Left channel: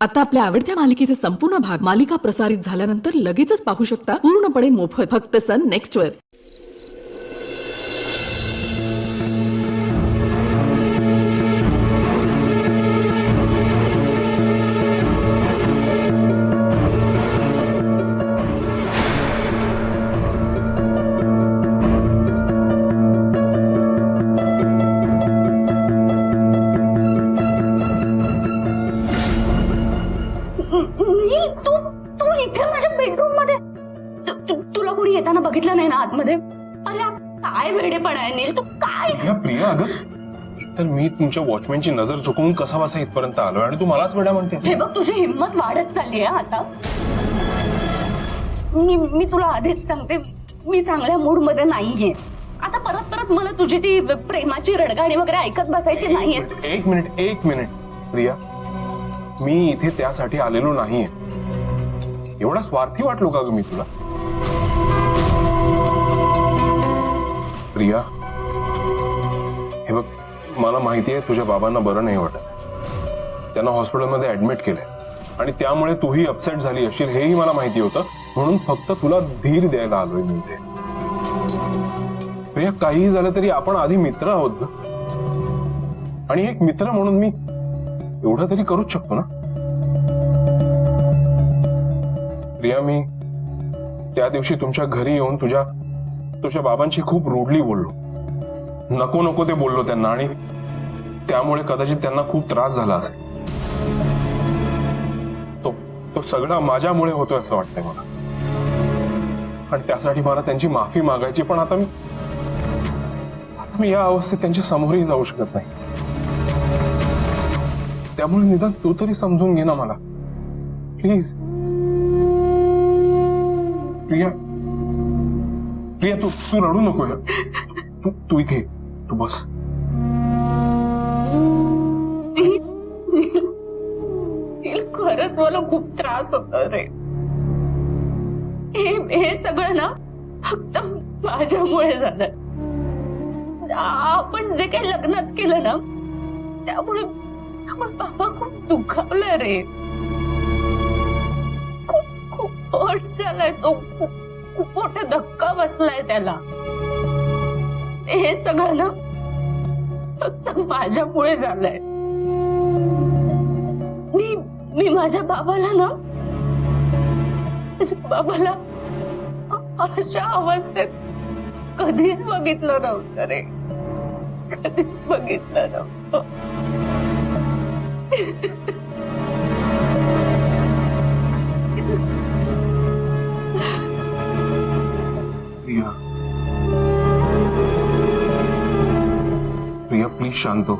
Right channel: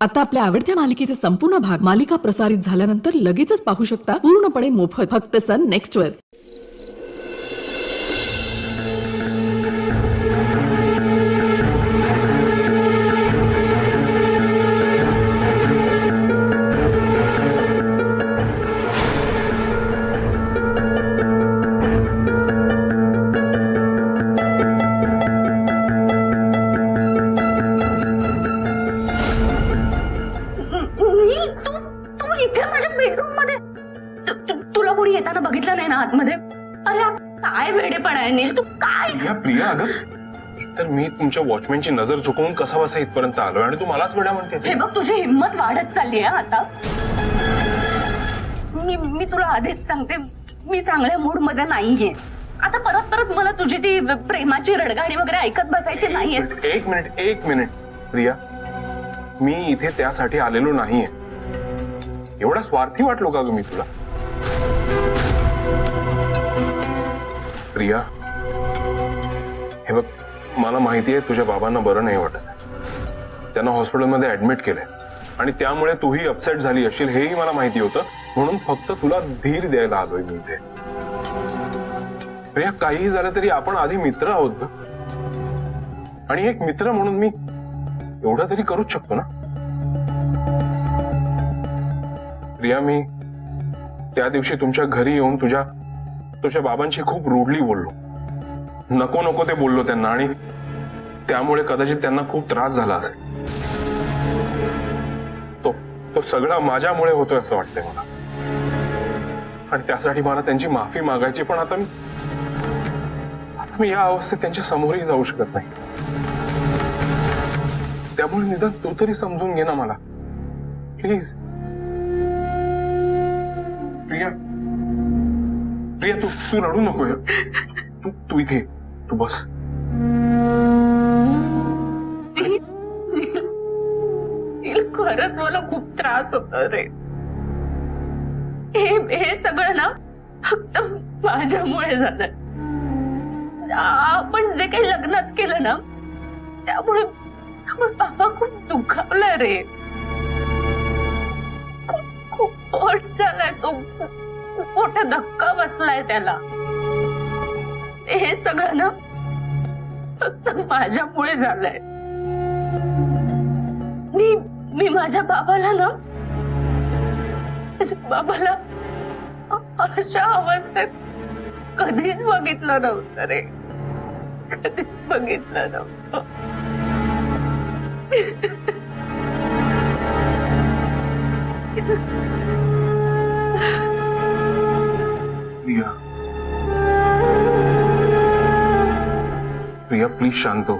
आता आपल्या आवडत्या मालिकेचे संपूर्ण भाग मालिका प्रसारित झाल्यानंतर लगेचच पाहू शकता पूर्णपणे मोफत फक्त सन नेक्स्ट वर। नील, तू इथे माझ्या बेडरूम मध्ये तुला कोणी येताना बघितलं नाही ना आतमध्ये? अरे काय वेडेपणा आहे नील, तू काय? प्रिया अगं तर मी तुमच्या वॉचमॅनची नजर चुकवून कसा बसा इथपर्यंत आलोय आणि तू मलाच वेडा म्हणते। हे बघ तुझी हिम्मत वाढत चालली आहे आता। मी तुला आधीच सांगते, मी चांगल्या मूड मध्ये नाहीये आता। परत परत मला तुझी ती प्रेमाची रडगाणी वगैरे ऐकत बसायची नाहीये। एक मिनिट प्रिया, मी इथे त्यासाठी आलेलो नाहीये। एवढा स्वार्थी वाटलो का ग मी तुला? प्रिया हे बघ, मला माहिती आहे तुझ्या बाबांना बरं नाही वाटत, त्यांना हॉस्पिटलमध्ये ऍडमिट केलंय आणि त्यामुळे तूही अपसेट झाली असशील हेही मला माहिती होतं, म्हणून फक्त तुला धीर द्यायला आलोय मी इथे। प्रिया काहीही झालं तरी आपण आधी मित्र आहोत ग, आणि एक मित्र म्हणून मी एवढं तरी करूच शकतो ना। प्रिया मी त्या दिवशी तुमच्या घरी येऊन तुझ्या बाबांशी खूप रूडली बोललो, नको नको ते बोललो त्यांना, आणि त्यामुळे कदाचित त्यांना खूप त्रास झाला असेल। तो सगळा माझ्यामुळे होतोय असं वाटतंय मला, आणि त्यासाठी मला त्यांची माफी मागायची, पण आता मी या अवस्थेत त्यांच्या समोरही जाऊ शकत नाही। त्यामुळे निदान तू तरी समजून घे ना मला, प्लीज। प्रिया तू रडू नको, तू इथे तू बस। खरंच मला खूप त्रास होतो रे, हे सगळं ना फक्त माझ्यामुळे झालं। आपण जे काही लग्नात केलं ना त्यामुळे बाबा खूप दुखावला रे, खूप हर्ट झालाय तो, खूप मोठा धक्का बसलाय त्याला। हे सगळं ना फक्त माझ्यामुळे झालंय। मी माझ्या बाबाला अशा अवस्थेत कधीच बघितलं नव्हतं रे, कधीच बघितलं नव्हतं। प्रिया प्लीज शांत हो।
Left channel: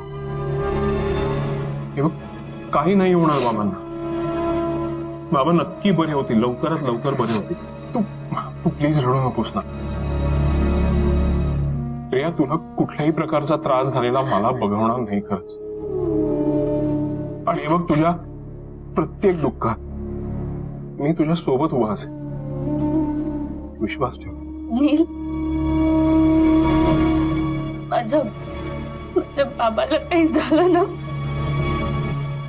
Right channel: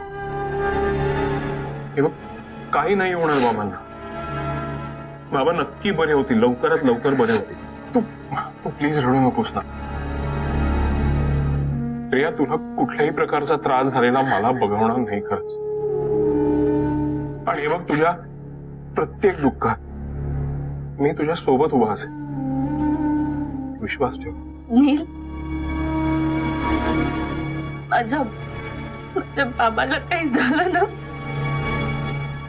हे बघ, काही नाही होणार बाबांना, बाबा नक्की बरे होतील, लवकरात लवकर बरे होतील। तू प्लीज रडू नकोस ना। प्रिया तुला कुठल्याही प्रकारचा त्रास झालेला मला बघवणार नाही खरंच, आणि हे बघ तुझ्या प्रत्येक दुःखात मी तुझ्या सोबत उभा असेल, विश्वास ठेव। नील, माझ्या बाबाला काही झालं ना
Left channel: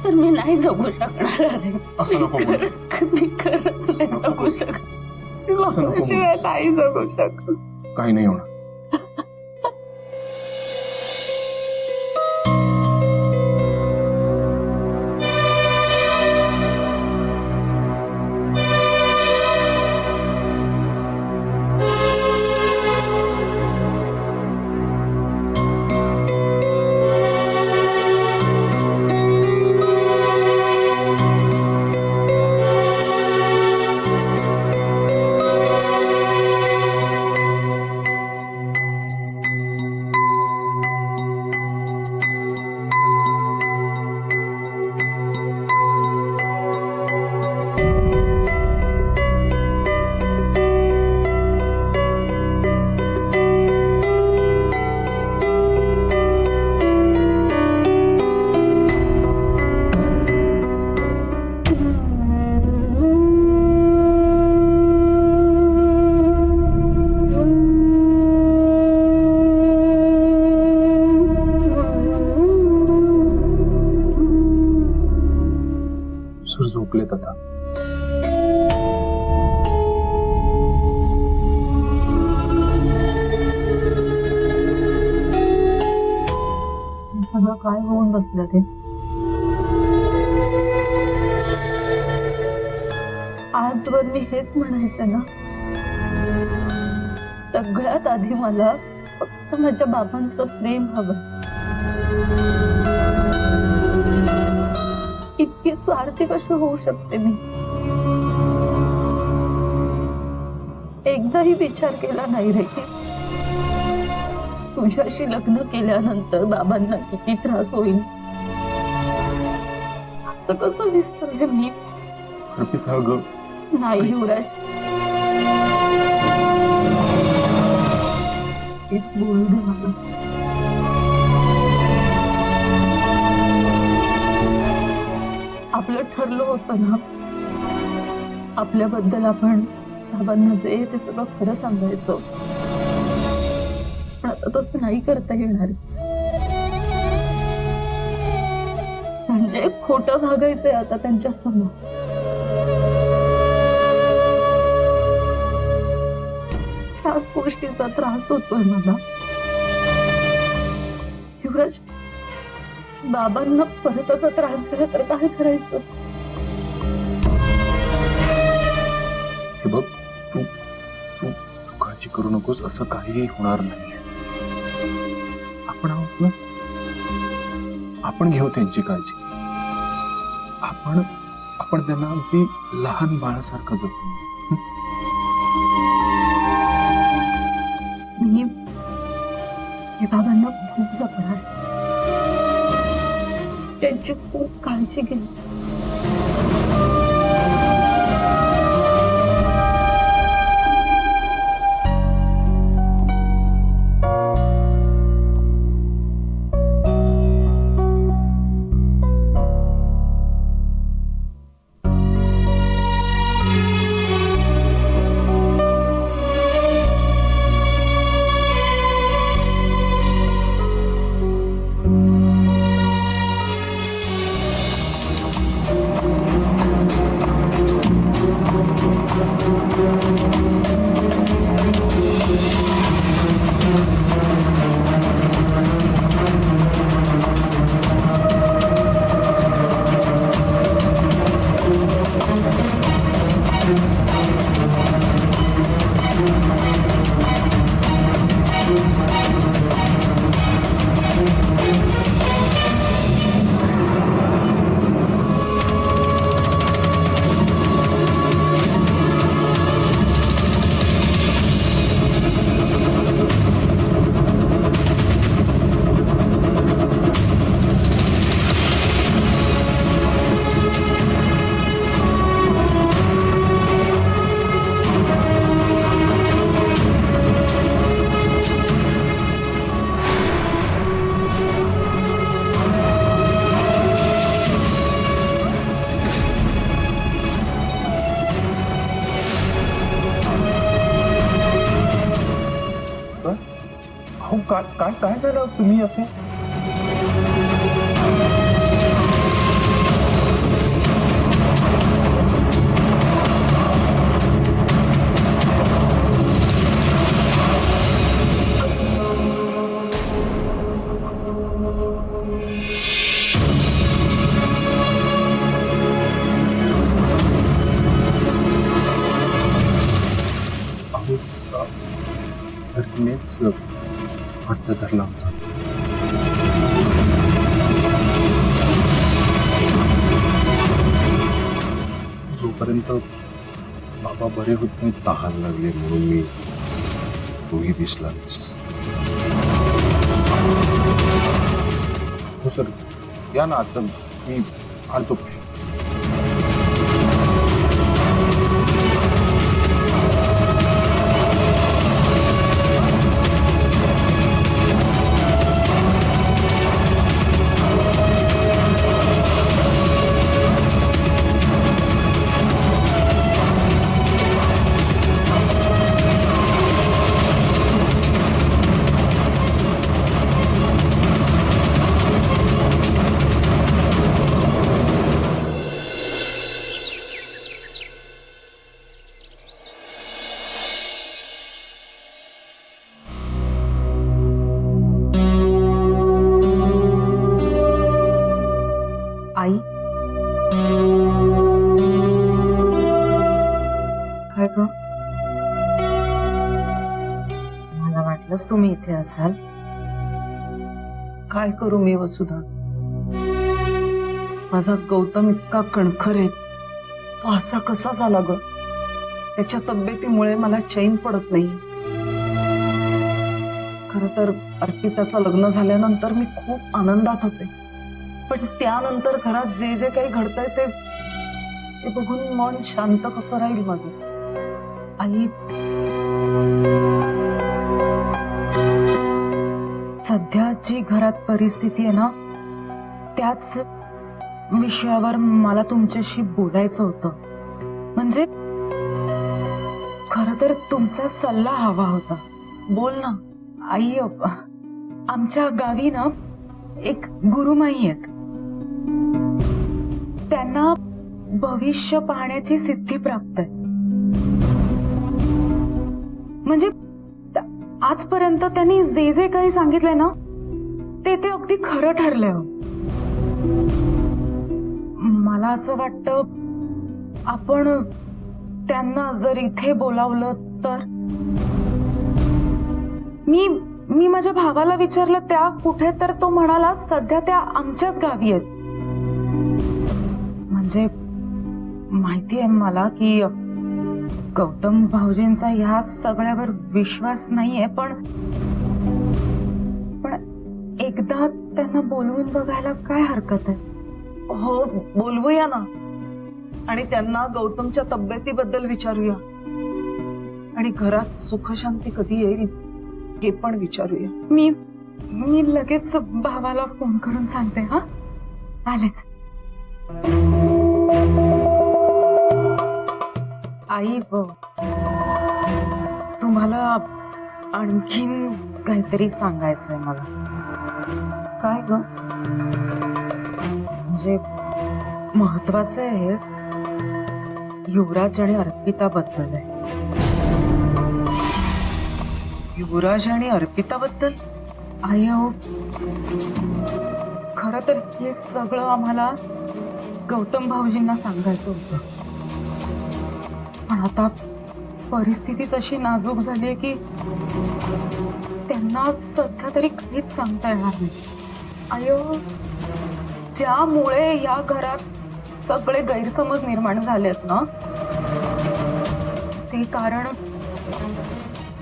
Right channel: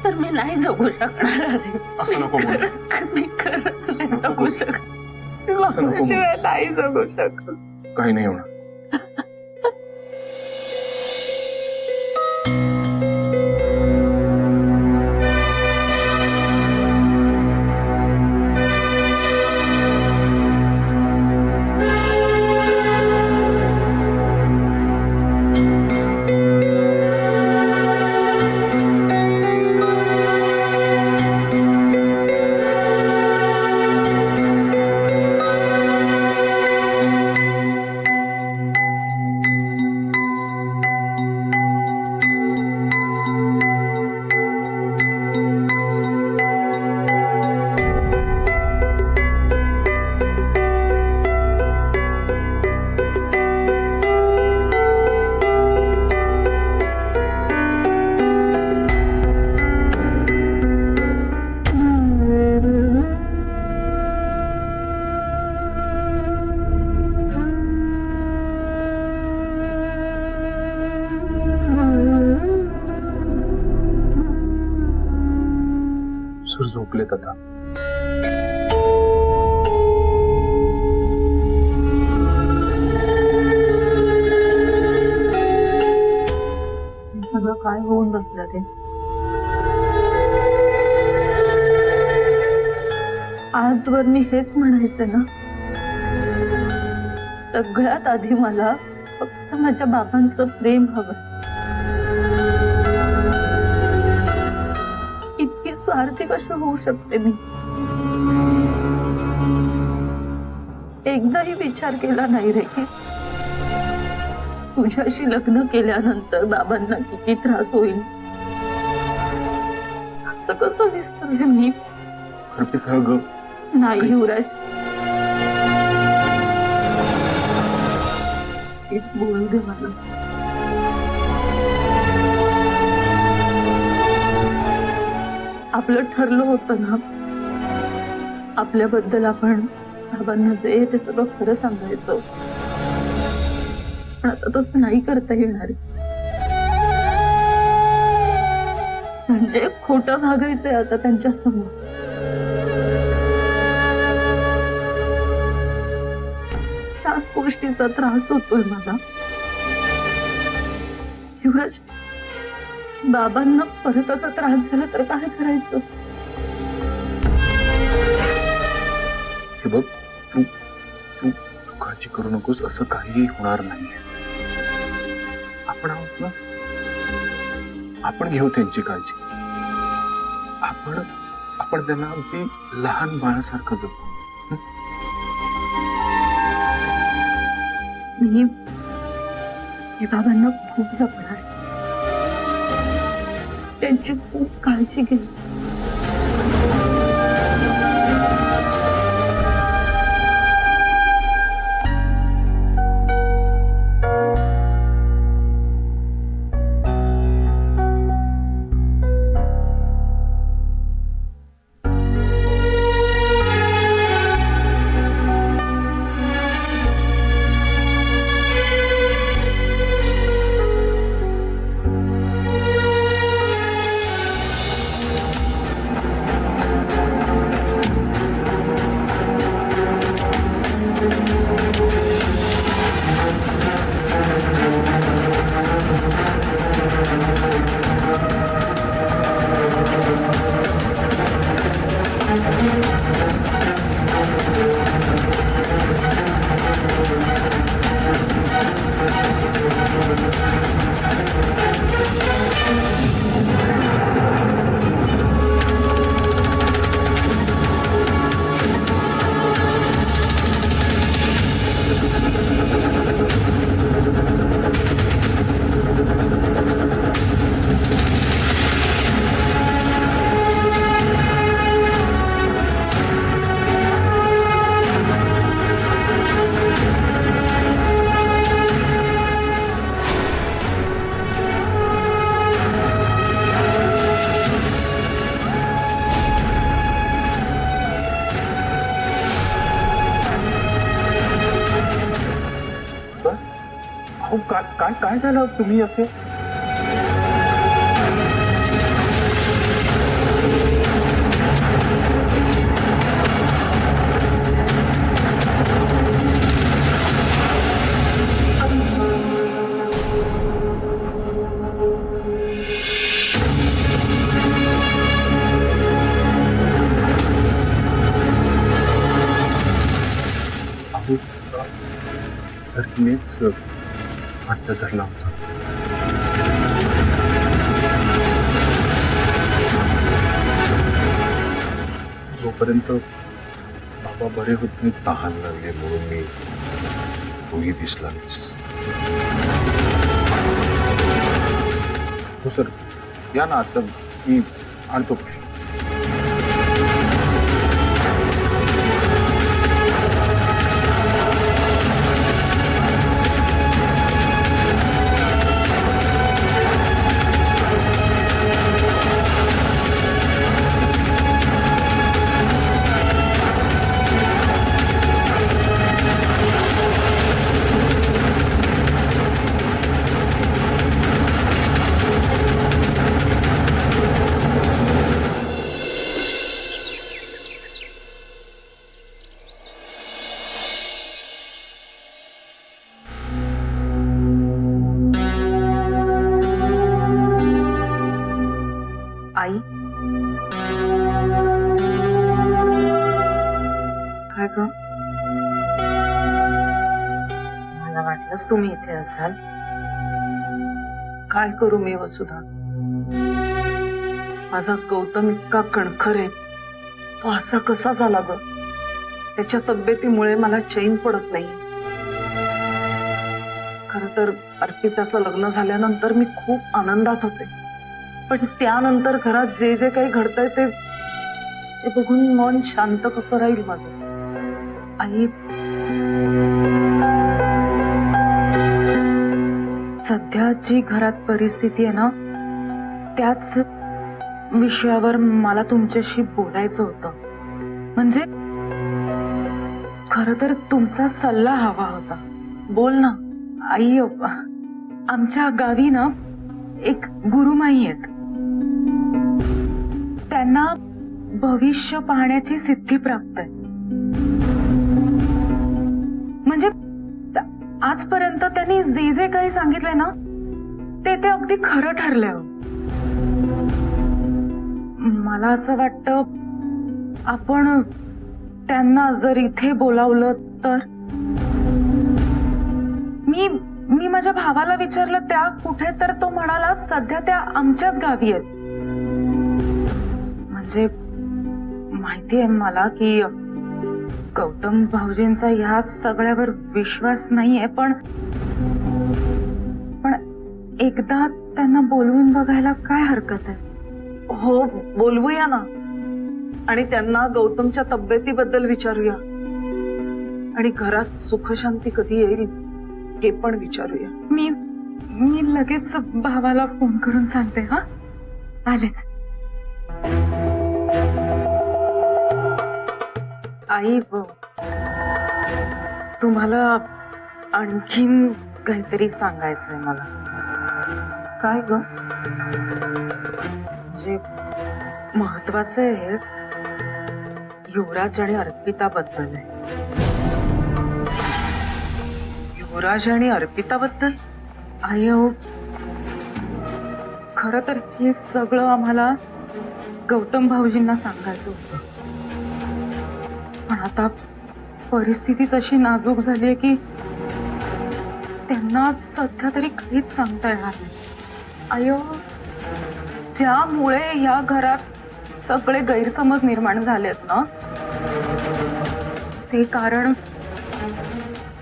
तर मी नाही जगू शकणार अरे। असं नको बोलू, मी खरंच नाही जगू शकत, बाबाशिवाय नाही जगू शकत। काही नाही होणार। झोपलेत आता. सगळं काय होऊन बसलं ते. आजवर मी हेच म्हणायचं ना, सगळ्यात आधी मला फक्त माझ्या बाबांचं प्रेम हवं. इतकी स्वार्थी कशी होऊ शकते मी? एकदाही विचार केला नाही रे की तुझ्याशी लग्न केल्यानंतर बाबांना किती त्रास होईल. असं कसं विसरले मी? अर्पिता ग, नाही युवराज, हेच बोलू दे मला. आपलं ठरलं होतं ना, आपल्याबद्दल आपण बाबांना जे ते सगळं खरं सांगायचं. पण आता तसं नाही करता येणार. म्हणजे खोटं भागायचंय आता त्यांच्या समोर. त्याच गोष्टीचा त्रास होतोय मला. युवराज, बाबांना परत आता त्रास झाला तर काय करायचं? हे बघ, तू तू तू काळजी करू नकोस. असं काहीही होणार नाही. आपण आहोत ना, आपण घेऊ त्यांची काळजी. आपण आपण त्यांना अगदी लहान बाळासारखं जपू. मी बाबांना खूप जपणार, त्यांची खूप काळजी घेईन. अहो, काय काय काय झालं? तुम्ही असे सर, मीच वाटत धरला होता. जोपर्यंत बाबा बरे होत नाही, तहान लागली म्हणून मी तूही दिसला नाहीस. हो सर, या ना आता, मी आणतो. काय ग? मला वाटलंच तुम्ही इथे असाल. काय करू मी वसुधा? माझा गौतम इतका कणखर आहे, तो असा कसा झाला ग? त्याच्या तब्येतीमुळे मला चैन पडत नाही. खरं तर अर्पिताचं लग्न झाल्यानंतर मी खूप आनंदात होते, पण त्यानंतर घरात जे जे काही घडतंय ते बघून मन शांत कसं राहील माझं? आई, सध्या जी घरात परिस्थिती आहे ना, त्याच विषयावर मला तुमच्याशी बोलायचं होतं. म्हणजे खरं तर तुमचा सल्ला हवा होता. बोल ना. आई, आमच्या गावी ना एक गुरुमाई आहेत. त्यांना भविष्य पाहण्याची सिद्धी प्राप्त आहे. म्हणजे आजपर्यंत त्यांनी जे जे काही सांगितलंय ना, ते ते अगदी खरं ठरलंय. मला असं वाटतं आपण त्यांना जर इथे बोलावलं तर. मी माझ्या भावाला विचारलं त्या कुठे, तर तो म्हणाला सध्या त्या आमच्याच गावी आहेत. म्हणजे माहितीये मला की गौतम भाऊजींचा ह्या सगळ्यावर विश्वास नाहीये, पण एकदा त्यांना बोलवून बघायला काय हरकत आहे? हो, बोलवूया ना. आणि त्यांना गौतमच्या तब्येतीबद्दल विचारूया, आणि घरात सुखशांती कधी येईल हे पण विचारूया. मी लगेच भावाला फोन करून सांगते. हा, आलेच. आई, तुम्हाला आणखीन काहीतरी सांगायचंय मला. काय ग? म्हणजे महत्वाचं आहे हे. युवराज आणि अर्पिता बद्दल आहे. युवराज आणि अर्पिता बद्दल? आई, खरं तर हे सगळं आम्हाला गौतम भाऊजींना सांगायचं होतं, पण आता परिस्थितीच अशी नाजूक झालीये की त्यांना सध्या तरी काहीच सांगता येणार नाही. आयो, ज्यामुळे या घरात सगळे गैरसमज निर्माण झालेत ना, ते कारण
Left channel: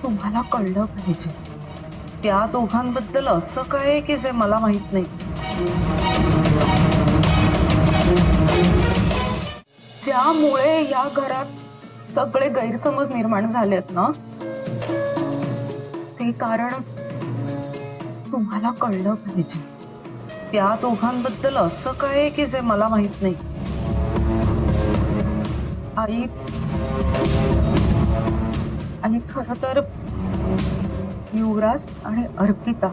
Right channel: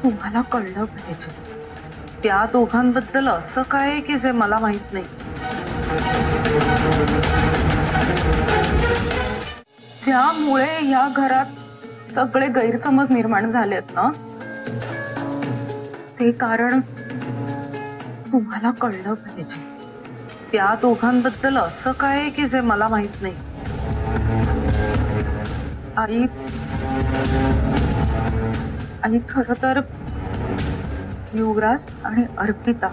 तुम्हाला कळलं पाहिजे. त्या दोघांबद्दल असं काय आहे की जे मला माहित नाही? ज्यामुळे या घरात सगळे गैरसमज निर्माण झालेत ना, ते कारण तुम्हाला कळलं पाहिजे. त्या दोघांबद्दल असं काय आहे की जे मला माहित नाही? आई, खरं तर युवराज आणि अर्पिता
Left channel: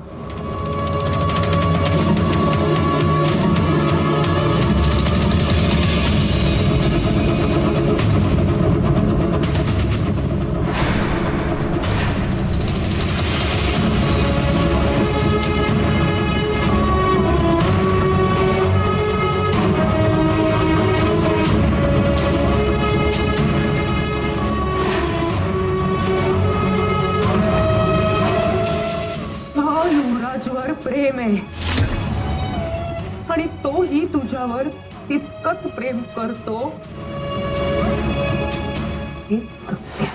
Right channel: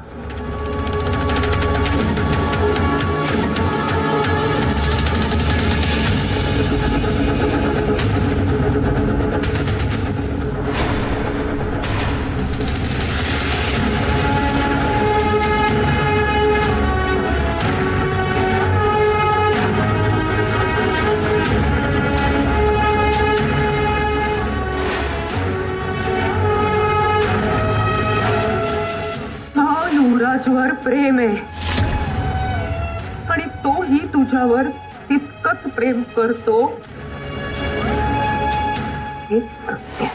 युवराजवर प्रेम आहे आणि तोही तुझ्यावर तितकंच प्रेम करतो, हेच सत्य.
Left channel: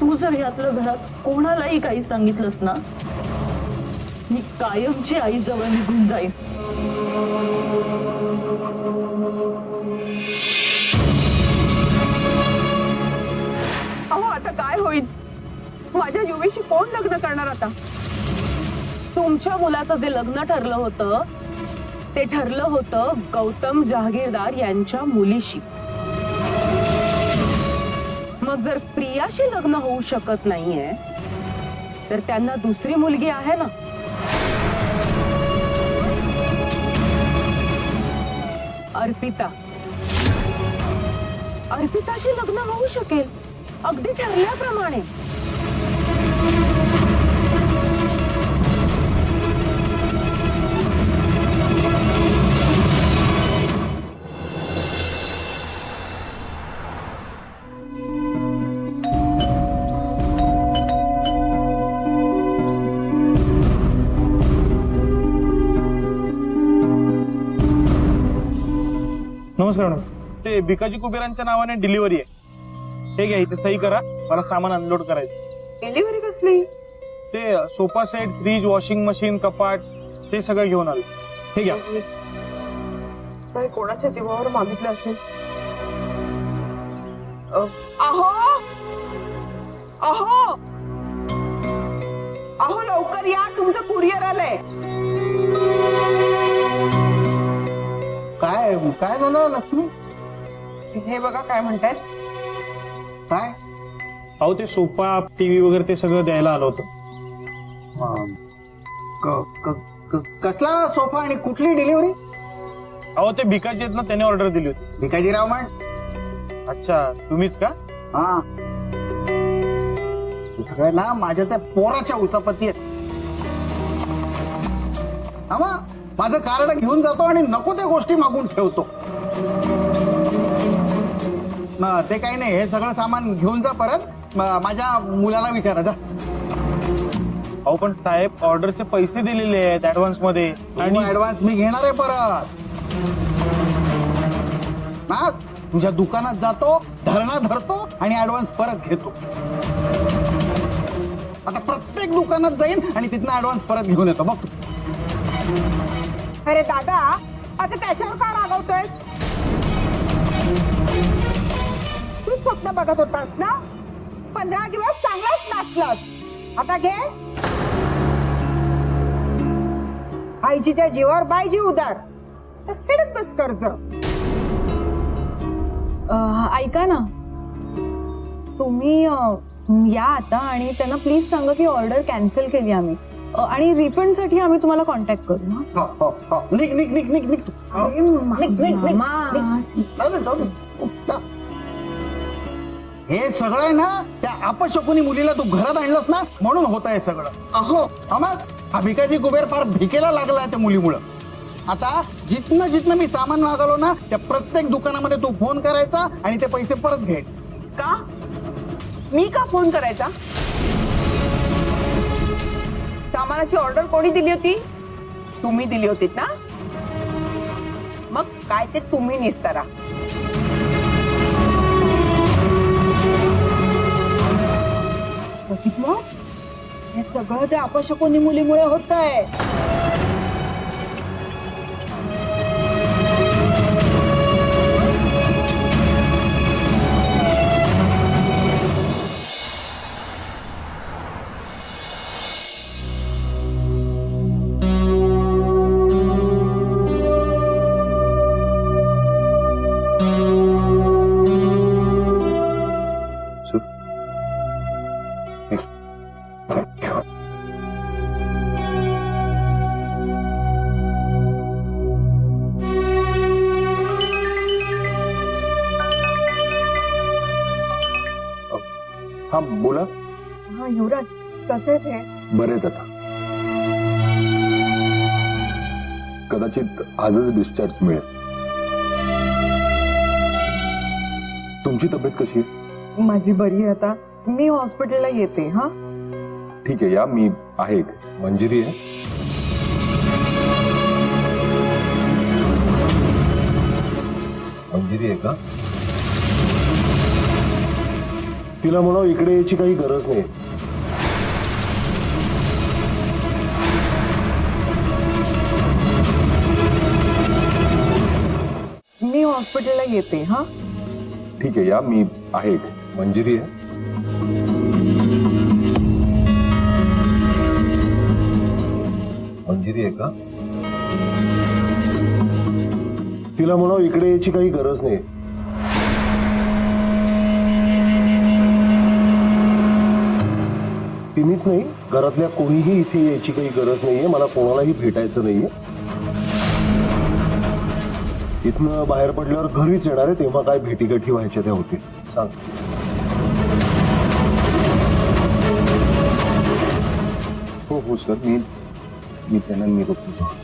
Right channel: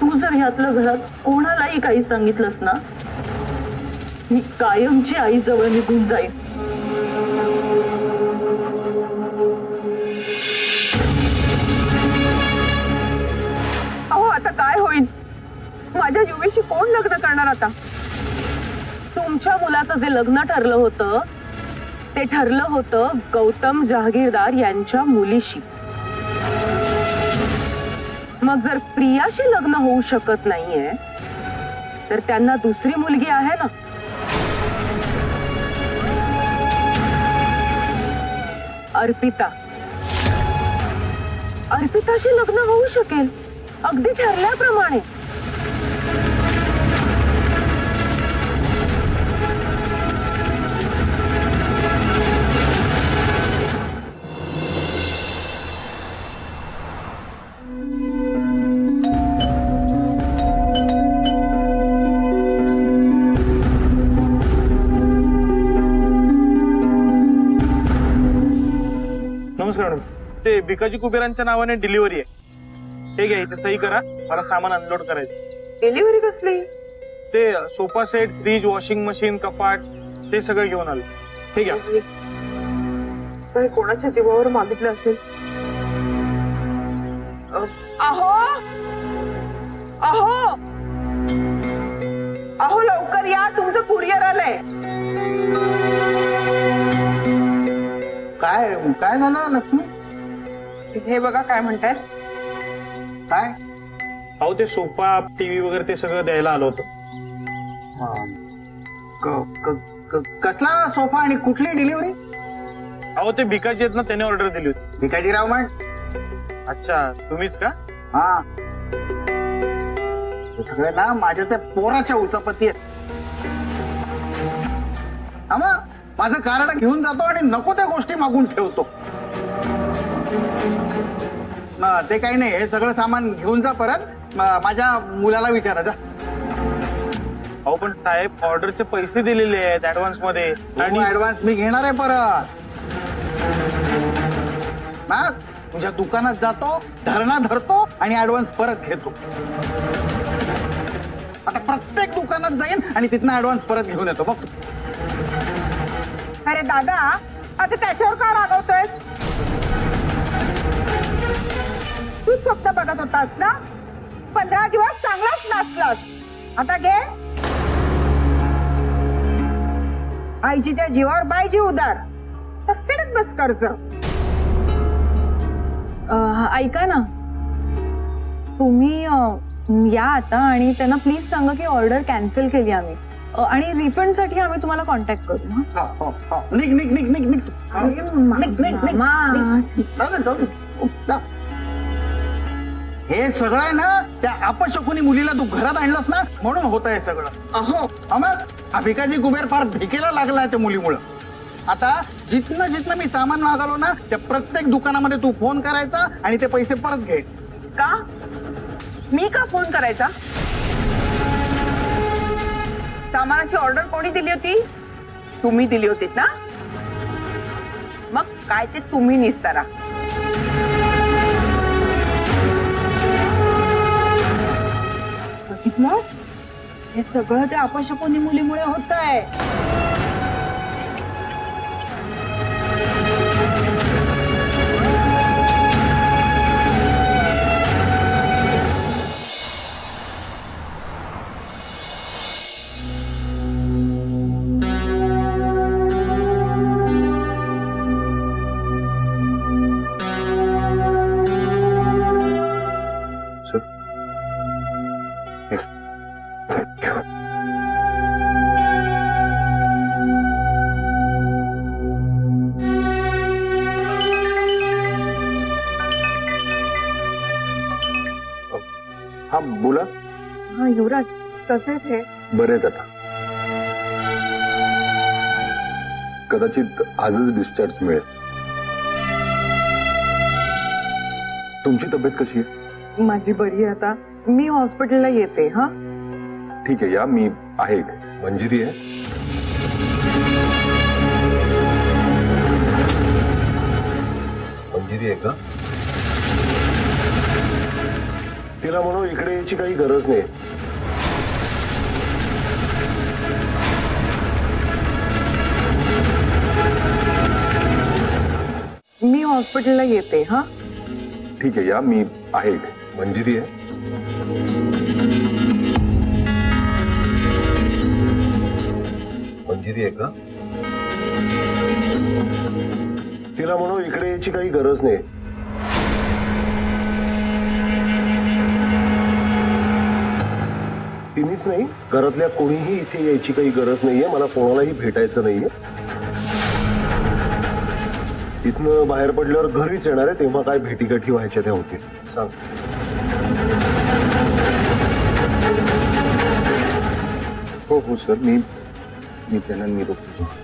तू जर ह्यातलं घरात कोणालाही काही सांगितलंस ना, मी कायमची आई जवळ निघून जाईन. आता काय होईल? माझ्या युवीशी कोण लग्न करणार आता? तुमच्या मुलाचं जे लग्न ठरलं होतं ते ठरलं होतं गौतम जहागीरदार यांच्या मुलीशी. मग जर प्रियाशी लग्न होऊ शकत नाहीये तर त्यांना दुसरी मुलगी आहे ना. अर्पिताशी लग्न होऊ शकेल, अगदी ठरल्याप्रमाणे. नमस्कार मॅडम. ते भिकाजी कुबेरांच्या नावाने डिलिव्हरी आहे. हे घ्या, इथे सही करा. मला सामान अनलोड करायचं. डिलिव्हरी कसली? ते sofa set, fridge, washing machine, कपाट ते सगळं घेऊन आलो. हे घ्या. काही कोणाच्या जीवावर मागितलं असेल. अहो अहो अहो लवकर या, तुमचं कुरिअर आलंय. काय काय झालं लक्ष्मी? हे बघा काय म्हणतायत. काय अहो ते सोफा, टीव्ही वगैरे ते सगळं द्यायला आलो होतं. कसला सोफा आणि कुठली डिलिव्हरी? अहो ते भिकाजी आहेत ना, त्याने ऑर्डर दिली होती. भिकाजीराव म्हण. अच्छा, तुम्हीच का? हा, हे सगळे ना माझ्या त्या पोराच्या उचापती आहेत. हा मग माझं कार्ड घेऊन जातो आणि नको त्या गोष्टी मागून ठेवतो. ते काही नाही, हे सगळं सामान घेऊन जा परत. माझ्या मुलाला विचारा जा. अहो पण साहेब, ऑर्डरचे पैसे दिलेले आहेत ऍडव्हान्स मध्ये. आणि ऍडव्हान्स मी घेणार आहे परत. मग तुझ्या दुकानात जातो, धरणा धरतो आणि ऍडव्हान्स परत घेतो. आता प्रत्येक दुकानात जाईन आणि तिथनं ऍडव्हान्स परत घेऊन येतो. बघ. अरे दादा, आता त्याच्यावर का रागवतोयस? तू स्वप्न बघत होतास ना? 15 दिवस चांगलाच नाचलास. आता घे. आईच्या जीवावर बायजी उदार. तर फेडत बस कर्ज. ऐका ना, तुम्ही या आता आणि त्यांना प्लीज सांगा की ऑर्डर कॅन्सल केली आम्ही आणि रिफंड साठी आम्ही तुम्हाला कॉन्टॅक्ट करू. निघ निघ निघ निघ निघ. निघ, निघ, निघ. जाऊ दे. जा. हे सगळं आहे ना त्या अपशकुनी मुलीला तू घरात आणलंस ना, म्हणून होत आहे सगळं. अहो मग हा भिकाजी कुबेर फार भिकेला लागलाय त्या मुलीमुळं. आता जिथनं जिथनं मी सामान मागवलो ना, त्या प्रत्येक दुकानामध्ये तू फोन करायचा आणि ते पैसे परत घ्यायचे. का? मी का फोन करायचा? सामानाची ऑर्डर कोणी दिली होती? तुम्ही दिली होतीत ना? मग काय ते तुम्ही निस्तारा. बघितलं, हे सगळं त्या अपशकुनी मुलीमुळे होत आहे. हा बोला. हा युवराज, कसे थे? बरेच आता कदाचित आजच डिस्चार्ज मिळेल. तुमची तब्येत कशी आहे? माझी बरी आहे आता. मी हॉस्पिटलला येते. हा ठीक आहे, या, मी आहे इथेच. मंजिरी आहे? मंजिरी आहे का? तिला म्हणाव इकडे यायची काही गरज नाही. मी हॉस्पिटलला येते. हा ठीक आहे, या, मी आहे इथेच. मंजिरी आहे? मंजिरी आहे का? तिला म्हणाव इकडे यायची काही गरज नाही. तिनेच नाही, घरातल्या कोणीही इथे यायची काही गरज नाहीये. मला कोणालाही भेटायचं नाहीये. इथनं बाहेर पडल्यावर घरीच येणार आहे, तेव्हा काय भेटीगाठी व्हायच्या त्या होतील. सांग. हो हो सर, मी त्यांना निरोप देतो.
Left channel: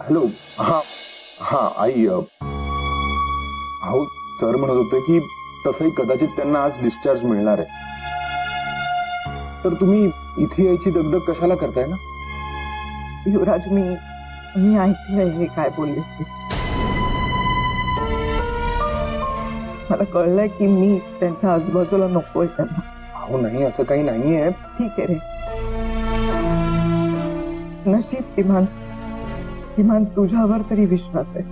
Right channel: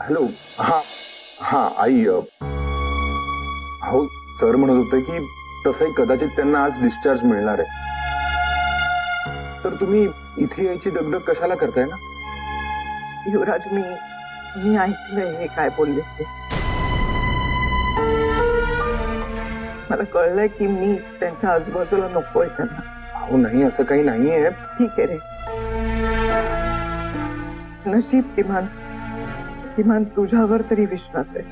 हॅलो. हा हा आई. हो, सर म्हणत होते की तसंही कदाचित त्यांना आज डिस्चार्ज मिळणार आहे. तर तुम्ही इथे यायची दगदग कशाला करताय ना? युवराज, मी ऐकलंय हे काय बोलले ते. मला कळलंय की मी त्यांच्या आजूबाजूला नकोय त्यांना. अहो नाही, असं काही नाहीये. ठीक आहे रे, नशीब किमान तुझ्यावर तरी विश्वास आहे.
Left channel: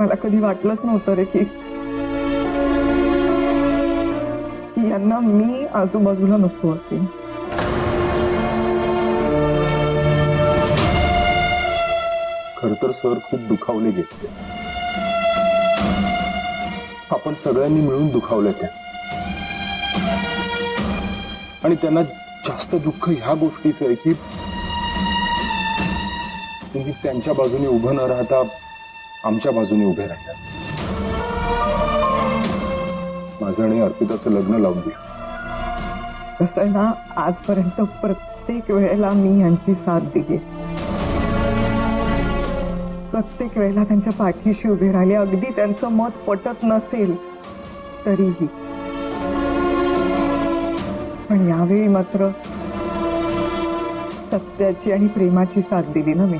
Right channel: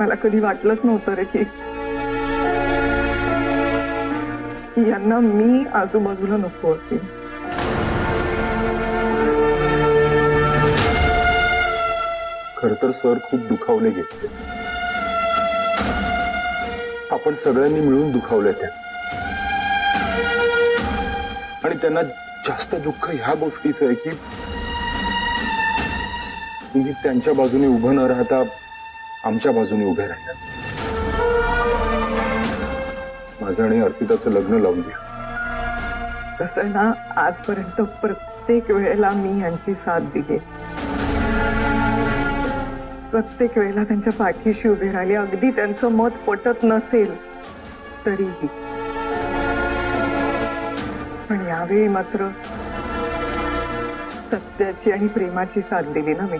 मला कधी वाटलंच नव्हतं रे की यांना मी आजूबाजूला नको असेल. खर तर सर खूप दुखावले गेले. आपण सगळ्यांनी मिळून दुखावले ते. आणि त्यांना जास्त दुःख ह्या गोष्टीचं आहे की तुम्ही त्यांच्या बाजूने उभं न राहता आमच्या बाजूने उभे राहिला. माझं आणि अर्पिताचं लग्न लावून दिलं. कसं आहे ना, आजपर्यंत प्रत्येक वेळेला मी यांची साथ दिली. प्रत्येक वेळेला त्यांच्या पाठीशी उभे राहिले, अगदी त्यांचं मत पटत नसेल तरीही. पण यावेळी मात्र सत्याची आणि प्रेमाची साथ दिली ना मी.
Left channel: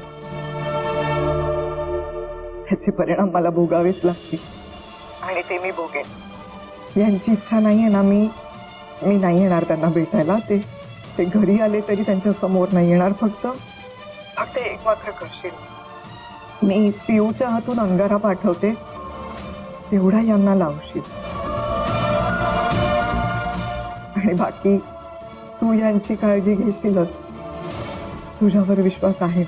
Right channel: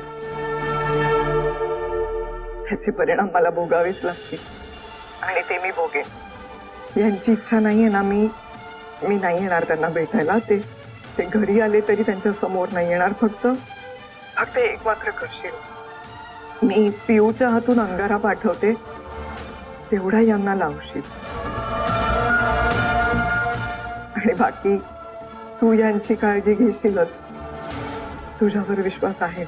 त्याचे परिणाम मला भोगावेच लागतील आणि ते मी भोगेन. यांची इच्छा नाहीये ना, मी नाही येणार त्यांना भेटायला. ते घरी आले तरी त्यांच्या समोर नाही येणार. फक्त एक मात्र करशील, मी पिऊच्या हातून अंगारा पाठवते, तेवढा यांना लावशील. आणि बाकी तू यांची काळजी घेशीलच. तुझ्यावर विश्वास आहे.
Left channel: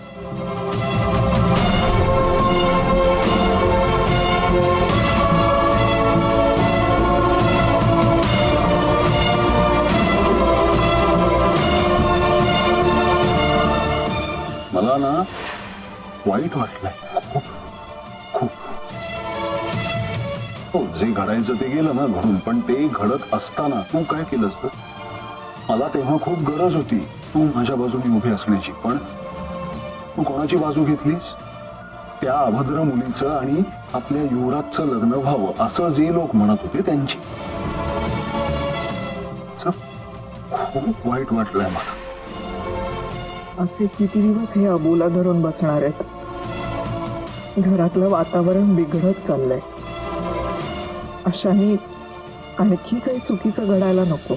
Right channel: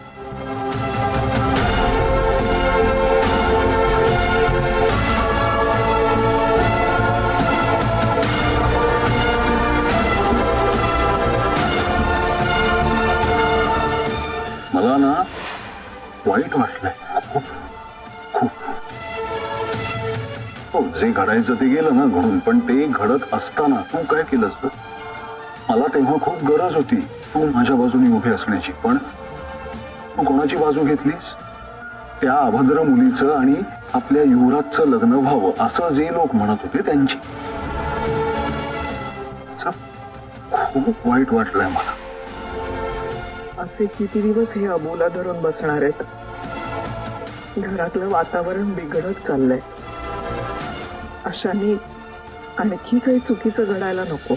मला ना वाईट वाटलंय खूप खूप. हो, जे घडायचं ते गेलं ना घडून, पण ते घडत असताना तू काय केलंस ग? मला तेव्हा खूप गरज होती तू माझ्या बाजूने उभी असण्याची, पण तू कोणाची बाजू घेतलीस? त्या अभद्र मुलीचं आणि आपल्या युवराजचं लग्न व्हावं असं जे लोक म्हणत होते त्यांची. खूप वाईट वाटलंय मला. असे किती दिवस हे अबोला धरून बसणार आहेत? घरातलं वातावरण बिघडत चाललंय. अशाने आणखी काही चुकीचं घडायला नको.